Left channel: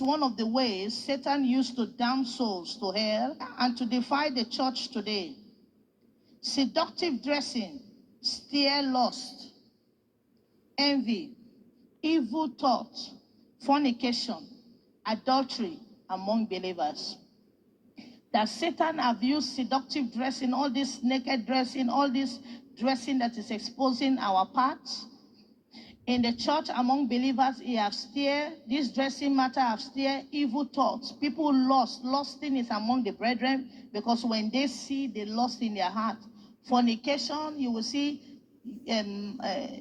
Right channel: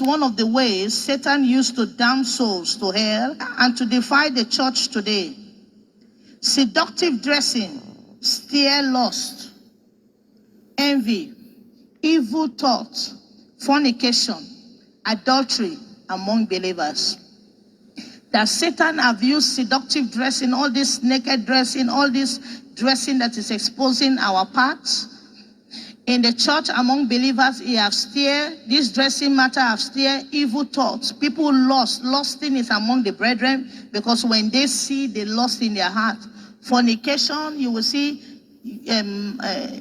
One of the ways Satan used to damn souls to hell and to defy the church today. Seductive dressing, steer lust, envy, evil thoughts, fornication, adultery among believers. That Satan have used seductive dressing, all this naked dressing, all this dressing that is exposing our parts. In the church among believers, he have steered, this dressing matter have steered evil thoughts. People lusting is among the brethren, because when they see the lust in their heart. Fornication, you will see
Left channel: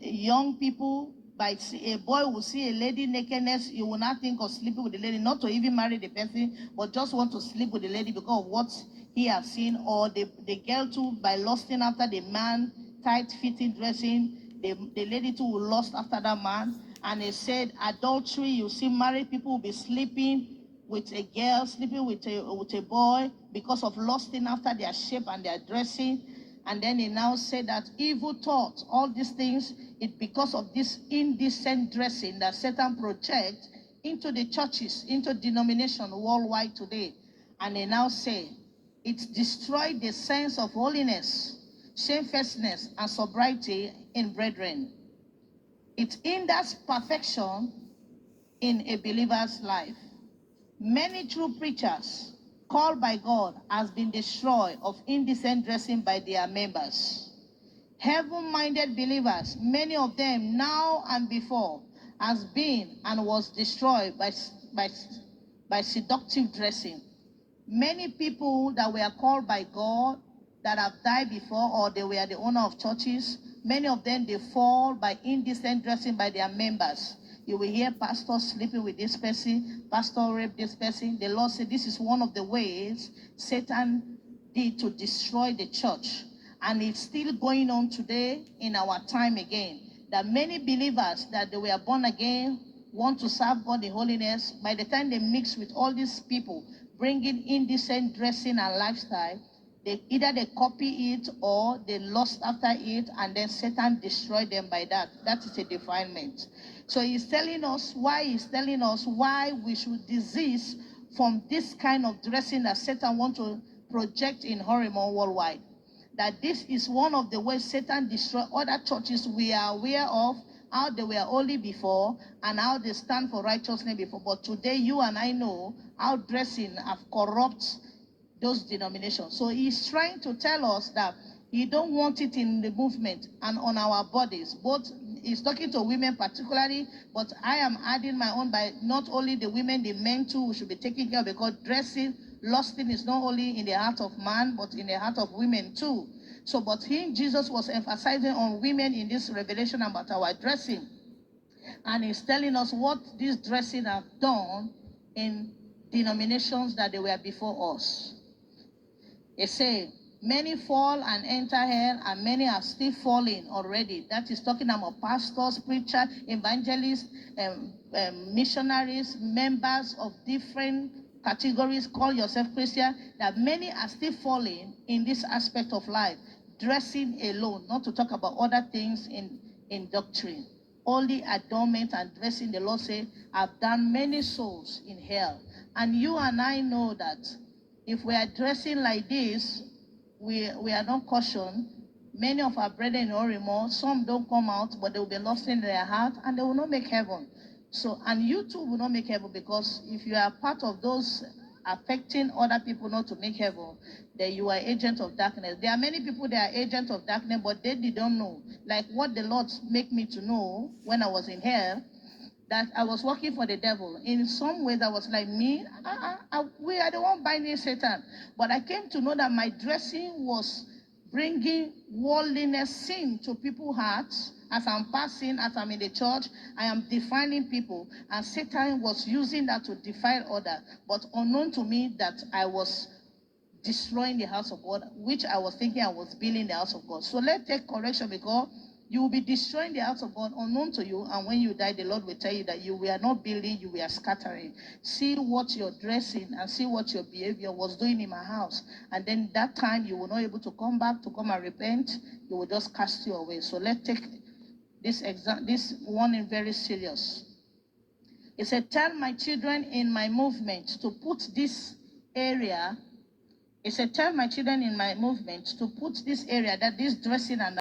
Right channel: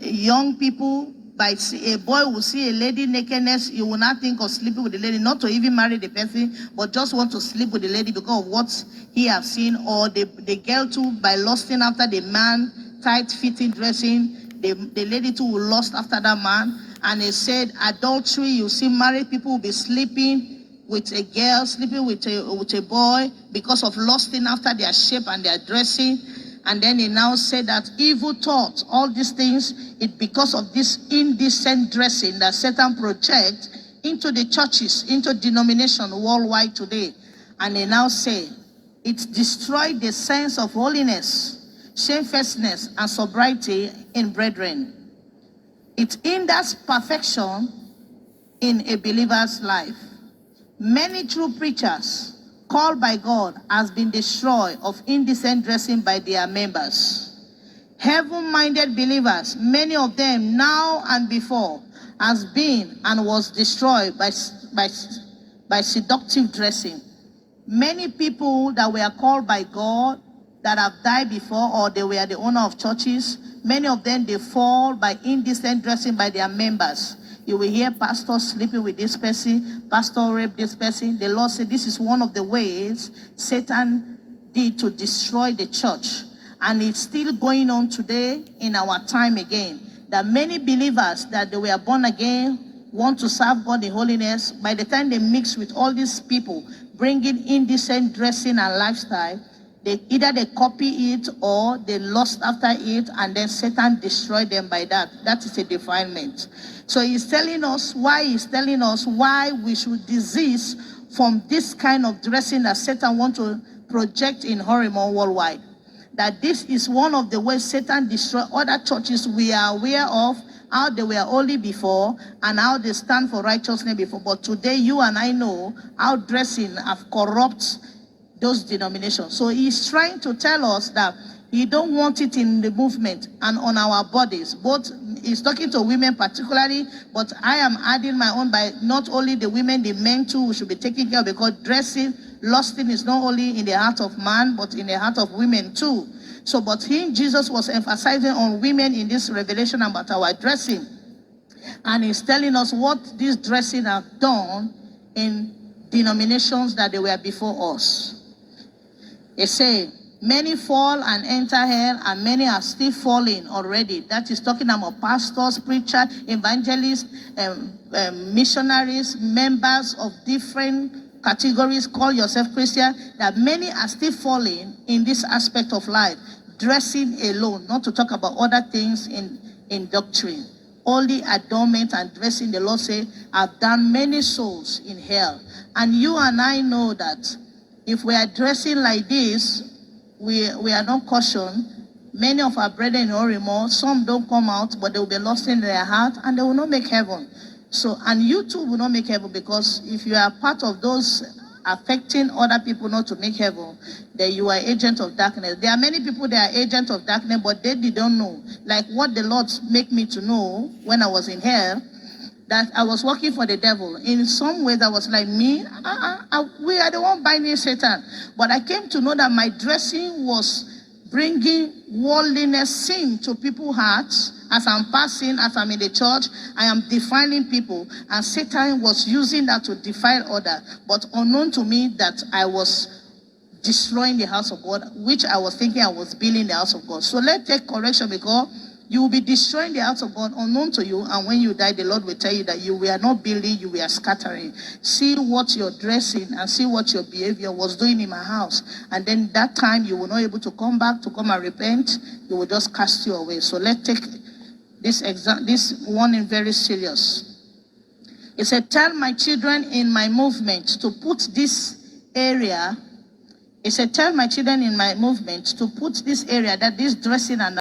young people, a boy will see a lady nakedness, you will not think of sleeping with the lady, not to even marry the person, but just want to sleep with the lady because of what he have seen. Or the girl too, by lusting after the man, tight-fitting dressing, the lady too will lust after that man. And he said adultery, you see married people will be sleeping with a girl, sleeping with a boy because of lusting after their shape and their dressing. And then he now said that evil thoughts, all these things, it because of this indecent dressing that Satan projects into the churches, into denomination worldwide today. And they now say it destroyed the sense of holiness, shamefacedness, and sobriety in brethren. It hinders perfection in a believer's life. Many true preachers called by God has been destroyed of indecent dressing by their members. Heaven-minded believers, many of them now and before, has been and was destroyed by seductive dressing. Many people that were called by God that have died before, or they were the owner of churches, many of them, they fall by indecent dressing by their members. You will hear pastor sleeping with this person, pastor rape this person. The Lord said this is one of the ways Satan did to destroy the church. And it's still going on today in our time again. That many believers that they were born again want to serve God in holiness. By the time they mix with all these people, bringing indecent dressing and lifestyle, either they copy it or they lust after it, and then Satan destroyed them by that. That is a defilement. So he's telling us why we should desist from this kind of dressing that Satan wants to project in Horemon worldwide. That this is one of the ways Satan destroyed other churches we are aware of, how they were holy before and how they stand for righteousness before. But today you and I know how dressing have corrupted those denominations. So he's trying to tell us that he don't want it in the movement and on our bodies. Both, he's talking to women particularly, but I am adding my own by not only the women, the men too, we should be taking care of, because dressing, lusting is not only in the heart of man, but in the heart of women too. So, but Jesus was emphasizing on women in this revelation about our dressing. And he's telling us what this dressing have done in denominations that they were before us. They say, many fall and enter hell, and many are still falling already. That is talking about pastors, preachers, evangelists, missionaries, members of different categories, call yourself Christian, that many are still falling in this aspect of life, dressing alone, not to talk about other things in doctrine. Only adornment and dressing, the Lord say, have done many souls in hell. And you and I know that if we are dressing like this, we are not cautioned. Many of our brethren in Orimo, some don't come out, but they will be lost in their heart, and they will not make heaven. So, and you too will not make heaven, because if you are part of those affecting other people not to make heaven, then you are agent of darkness. There are many people that are agents of darkness, but they don't know. Like what the Lord make me to know when I was in hell, that I was working for the devil. In some ways, I was like, we are the one binding Satan. But I came to know that my dressing was bringing worldliness, sin to people's hearts. As I'm passing, as I'm in the church, I am defiling people. And Satan was using that to defile others. But unknown to me that I was destroying the house of God, which I was thinking I was building the house of God. So let's take correction, because you will be destroying the house of God unknown to you, and when you die, the Lord will tell you that you were not building, you were scattering. See what your dressing and see what your behavior was doing in my house. And then that time you will not able to come back to come and repent. You will just cast you away. So let's take this warning very serious. He said, tell my children in my movement to put this area. He said, tell my children in my movement to put this area, that this dressing and